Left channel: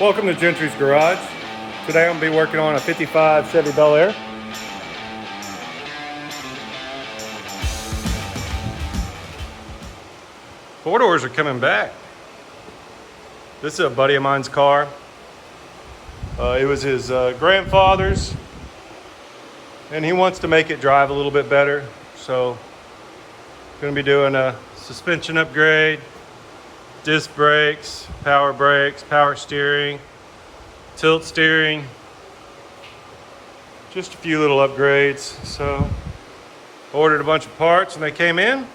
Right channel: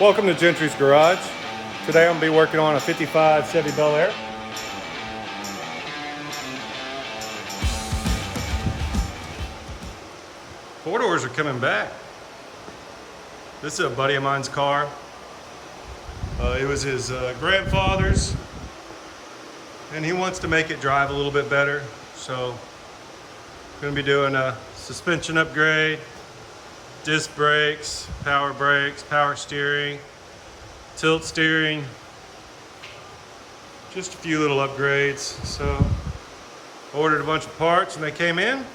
Welcome to Gentry's Garage. Today I'm going to be working on a 55 Chevy Bel-Air. Four doors are coming back. This is a buddy of mine's car. It was his grandfather's, and he wants to make it drive a little bit better. So I'm going to be doing a suspension upgrade, disc brakes, power steering, tilt steering, just a few little upgrades. So ordered a bunch of parts and they came in.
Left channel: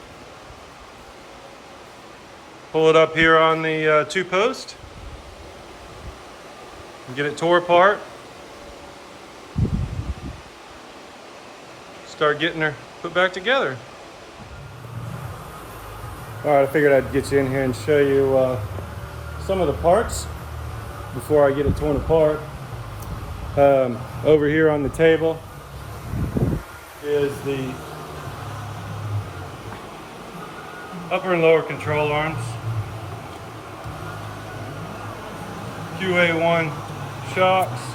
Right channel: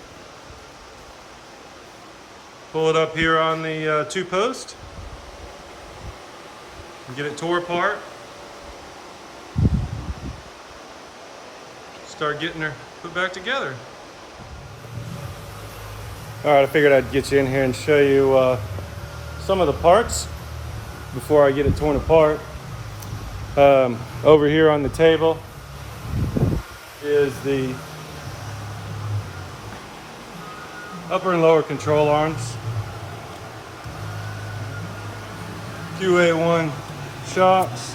Pull it up here on the two post and get it tore apart. Start getting her put back together. All right, I figured I'd get you in here and show you some of the parts before I get it torn apart. Over here on the table is the upper and lower control arms, QA1 shocks,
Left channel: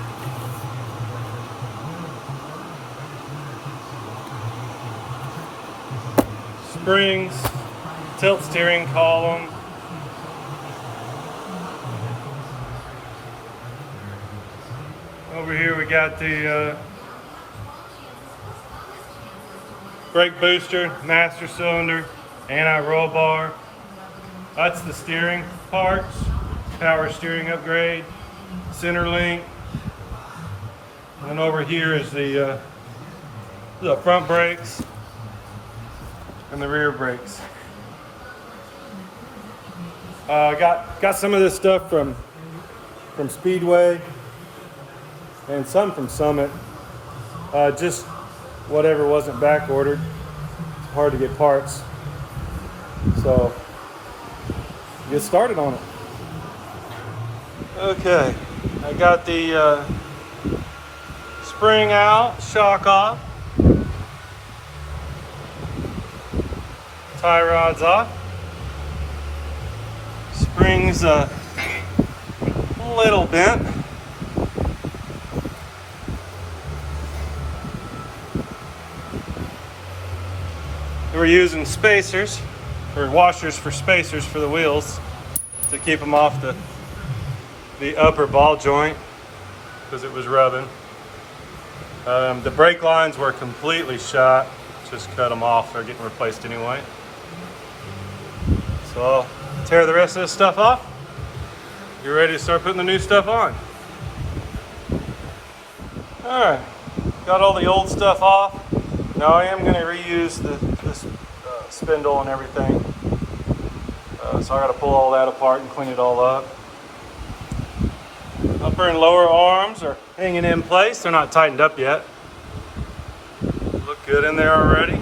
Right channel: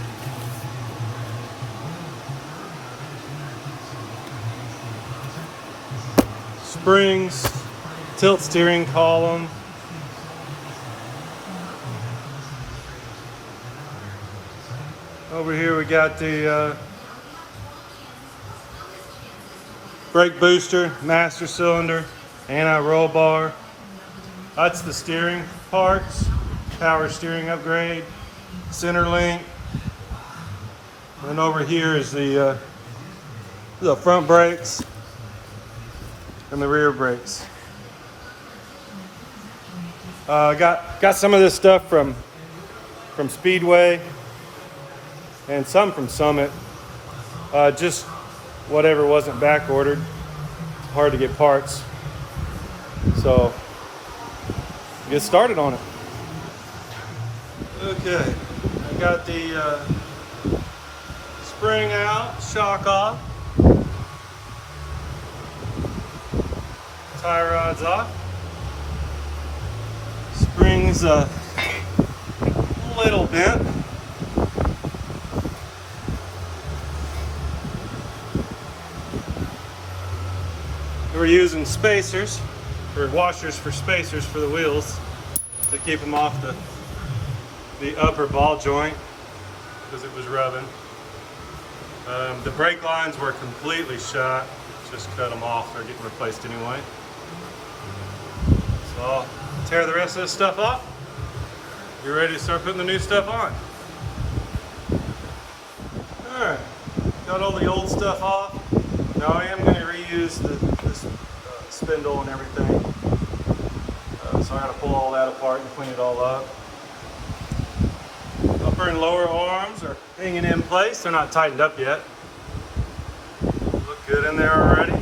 springs, tilt steering column, over here we got the brake booster, master cylinder, anti-roll bar. That's the steering parts, power steering upgrade, center link. And over here is the front brakes and the rear brakes. Got some of this stuff from Speedway and some from Summit. Just whatever wasn't back ordered. It's hard to get parts. So get started on it. Okay, I got the spring out, shock off, tie rods off. Springs a little bent. We're using spacers, or washers for spacers for the wheels to keep them off the upper ball joint because it was rubbing. The brake lines were completely shot. Just cut them off. They're getting replaced anyway. So I'll tear the rest of this stuff off. You're ready to start putting the new stuff on. Alright, got all the old stuff off. Now I am going to reuse this spindle and everything. So I got to pull all that apart and clean it all up. Upper and lower arms are hanging in place. They're not tightened up yet. Look good in there already.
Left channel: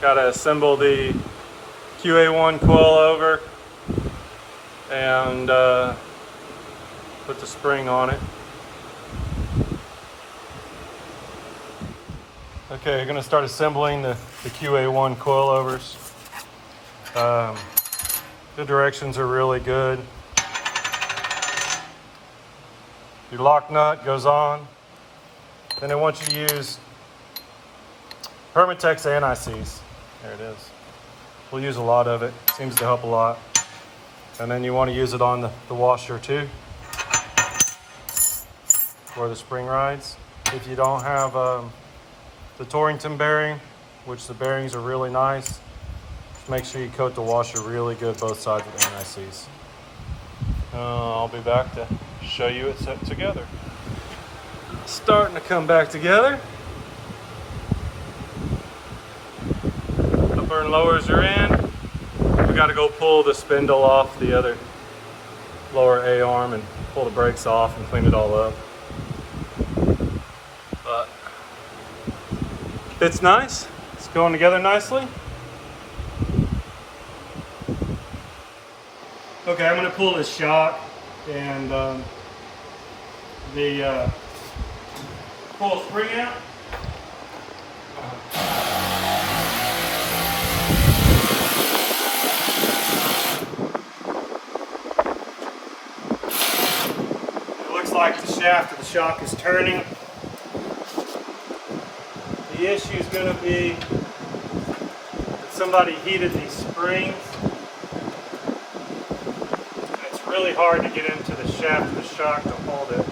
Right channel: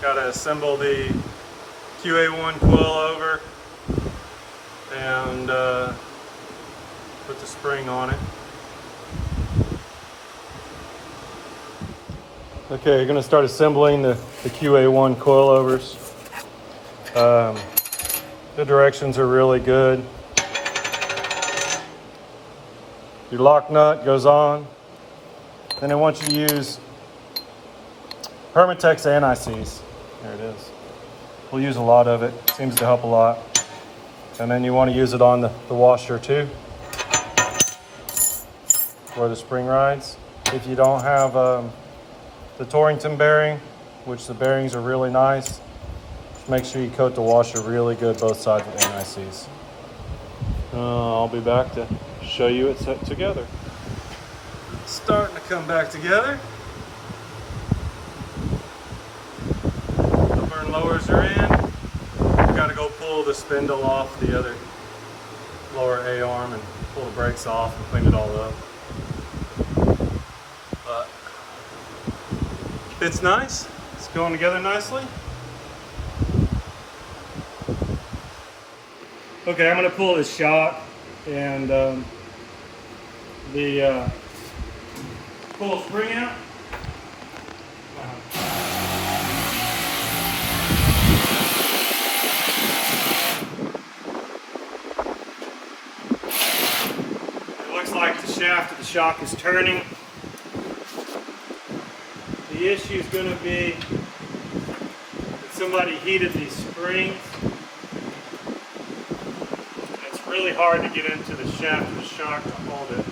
Got to assemble the QA1 Coil Over and put the spring on it. Okay, you're going to start assembling the QA1 Coil Overs. The directions are really good. Your lock nut goes on, and I want you to use Permatex anti-seize. There it is. We'll use a lot of it. Seems to help a lot. And then you want to use it on the washer too, where the spring rides. If you don't have the Torrington bearing, which the bearings are really nice, make sure you coat the washer really good both sides with anti-seize. I'll be back to show you it set together. Starting to come back together. Upper and lowers are in. We got to go pull the spindle off the other lower A arm and pull the brakes off and clean it all up. But it's nice. It's going together nicely. Okay, I'm going to pull this shock and the pull the spring out. shaft of the shock is turning. The issue is going to be that somebody heated these springs. It's really hard to get into the shaft of the shock to hold it.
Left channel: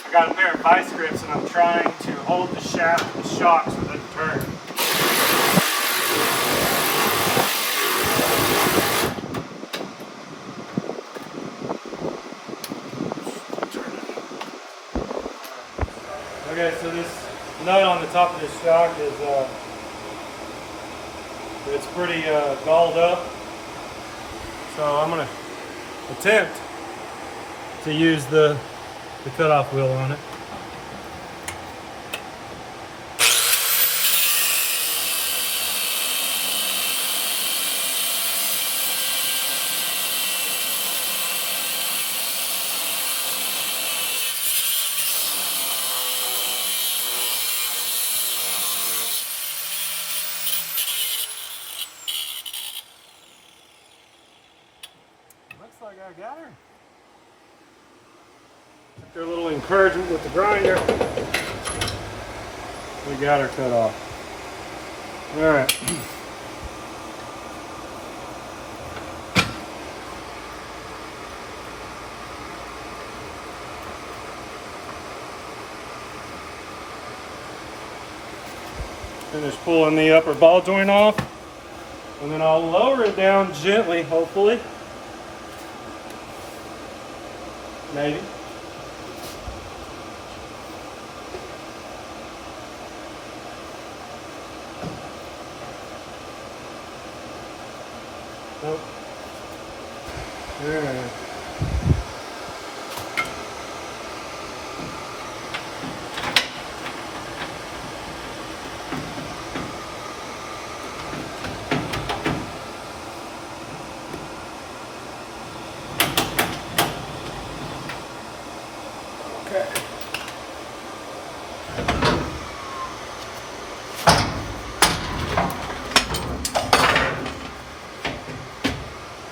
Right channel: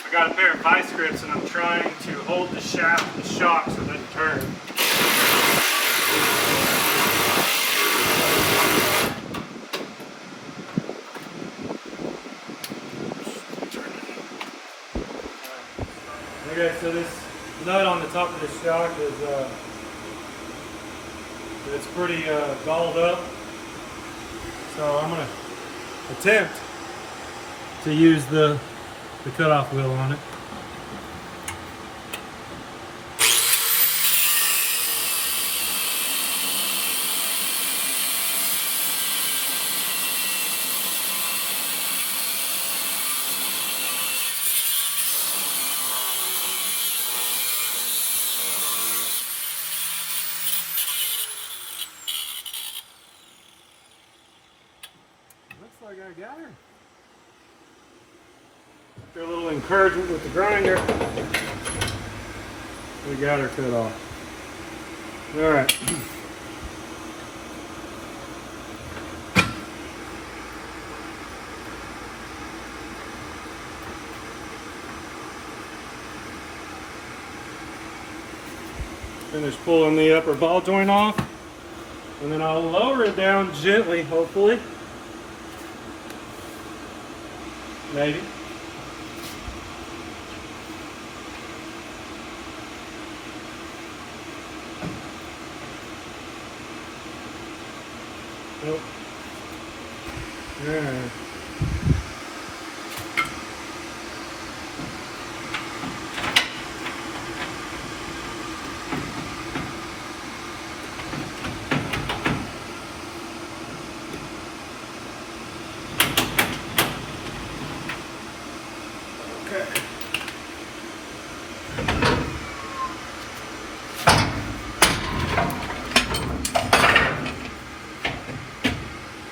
I got a pair of vice grips and I'm trying to hold the shaft of the shock so it doesn't turn. Okay, so this nut on the top of the shock is it's pretty galled up. So I'm gonna attempt to use the cutoff wheel on it. Looks like I got her. After a little encouragement with the grinder, we got her cut off. All right. Finish pulling the upper ball joint off, and then I'll lower it down gently, hopefully. Maybe. Nope. Alright. Okay.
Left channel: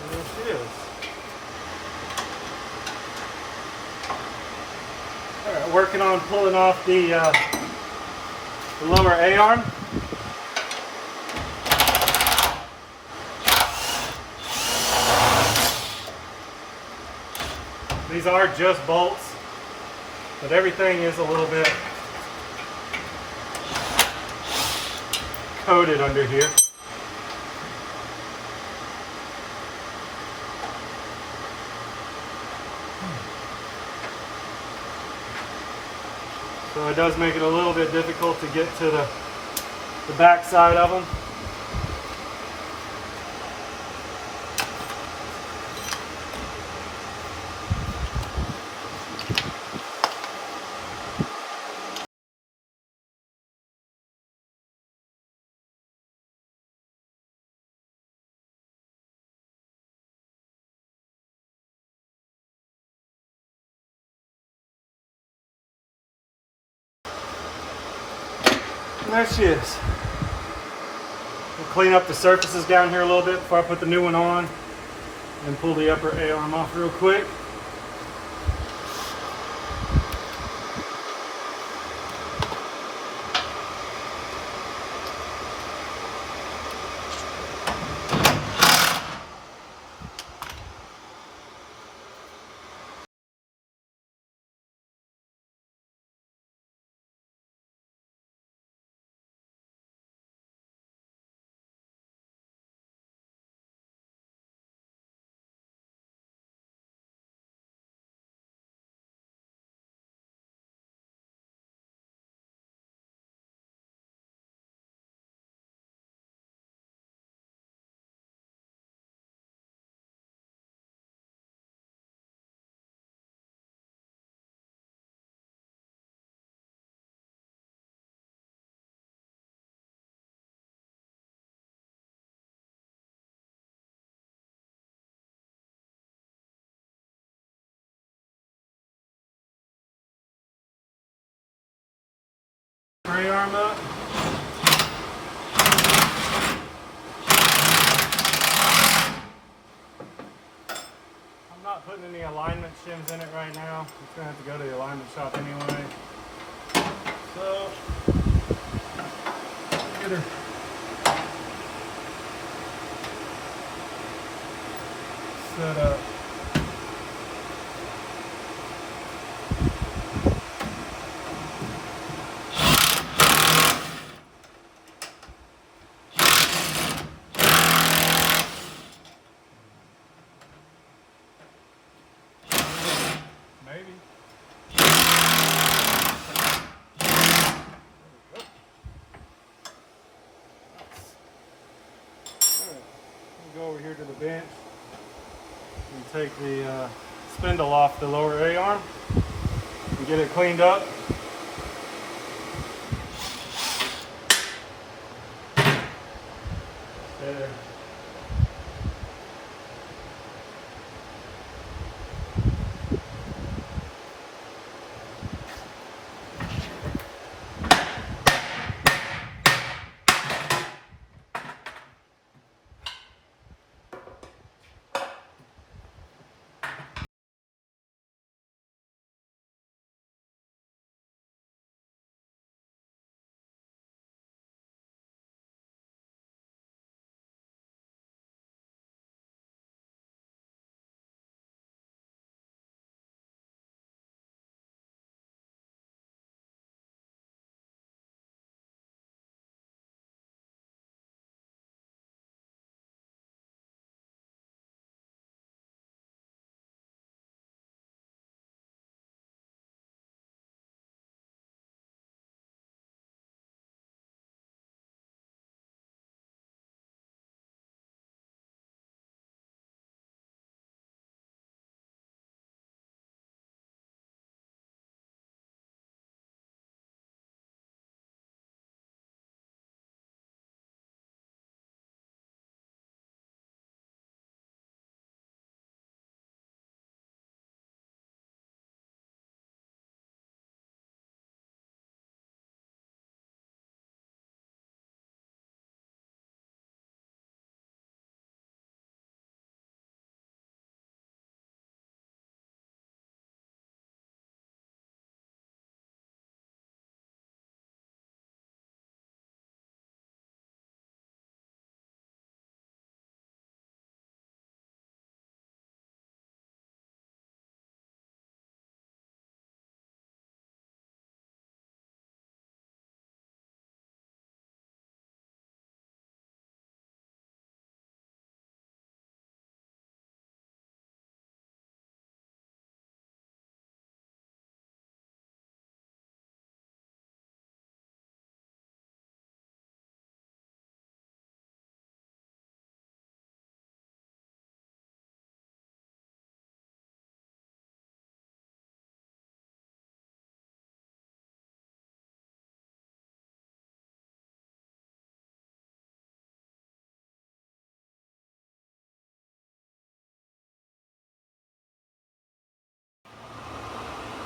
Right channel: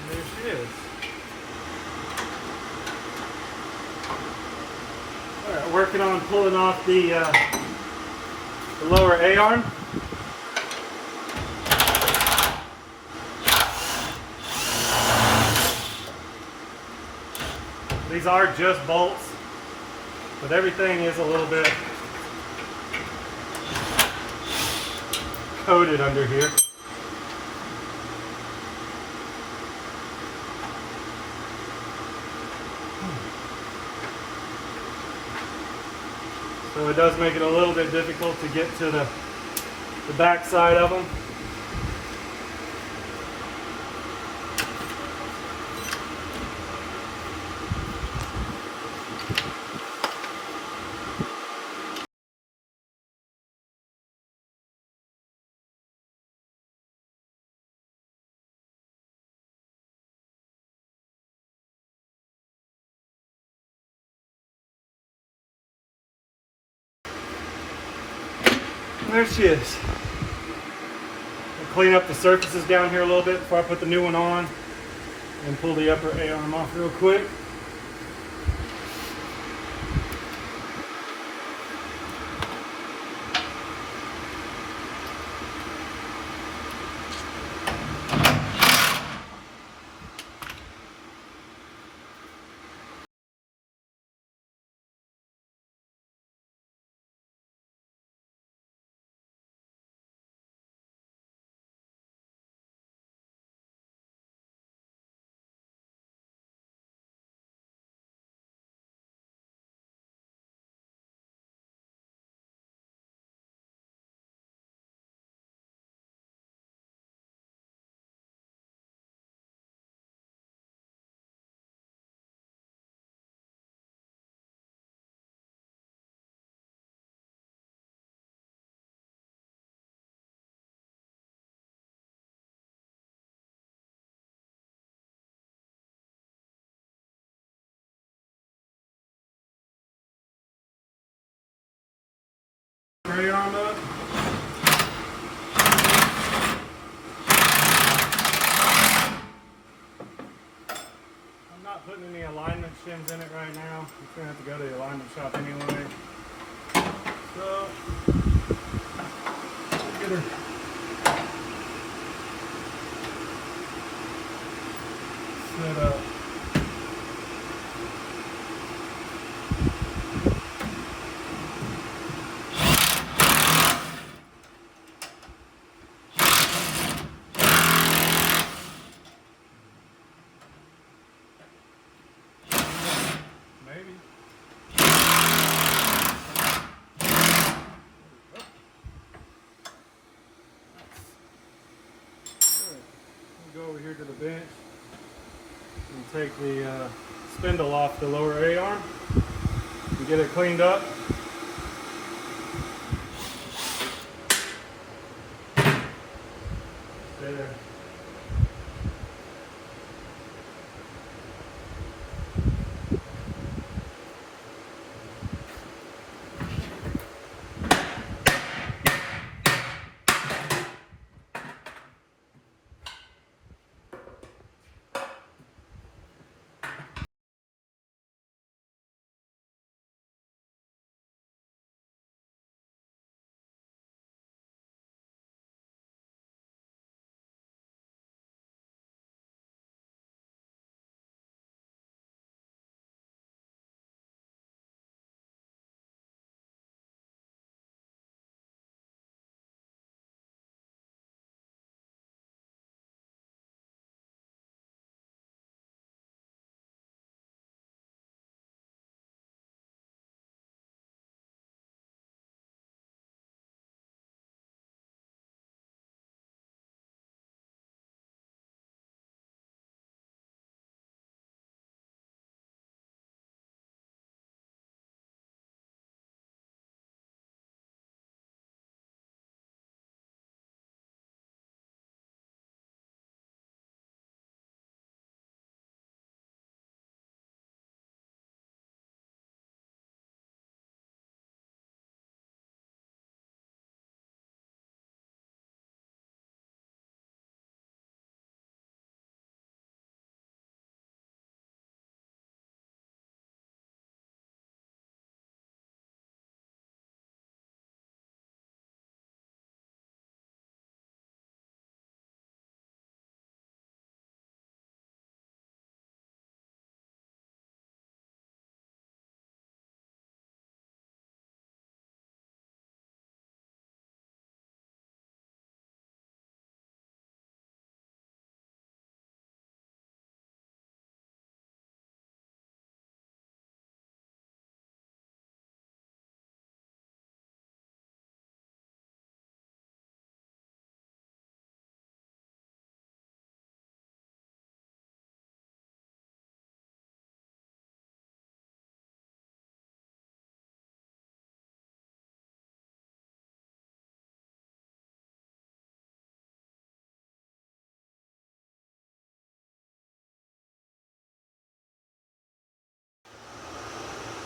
There she is. All right, working on pulling off the lower A-arm. These are just bolts, but everything is a little bit coated under here. So it does make it a little bit difficult to get to the back side of them. And there she is. We'll clean up the surfaces down here a little bit before I put the new one on and pull the upper A-arm off real quick. A-arm up. I'm not putting any alignment shims in it right now. It's going to have to go to the alignment shop anyway. So, get her. Set up. Maybe. Go over here to the bench and take the spindle off the lower A-arm and get it cleaned up. There.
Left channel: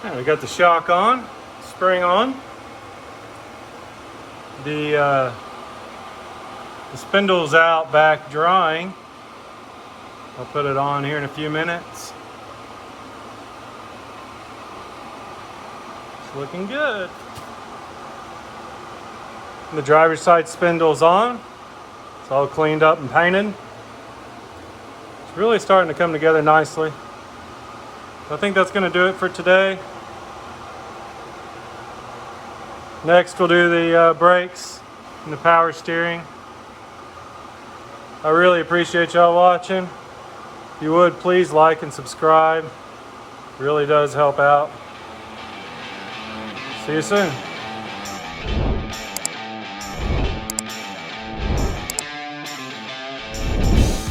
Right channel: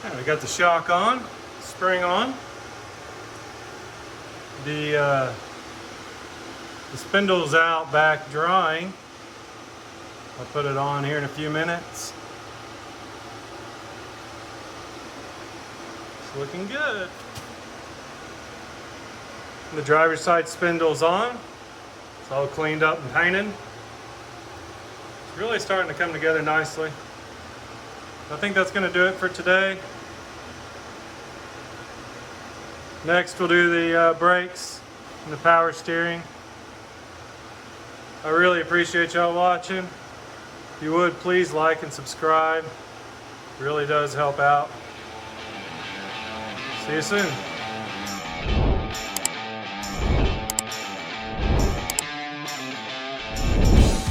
Yeah, we got the shock on, spring on. The spindle's out back drying. I'll put it on here in a few minutes. It's looking good. The driver's side spindle's on. It's all cleaned up and painted. It's really starting to come together nicely. I think that's going to do it for today. Next we'll do the brakes and the power steering. I really appreciate y'all watching. If you would, please like and subscribe. It really does help out. See you soon.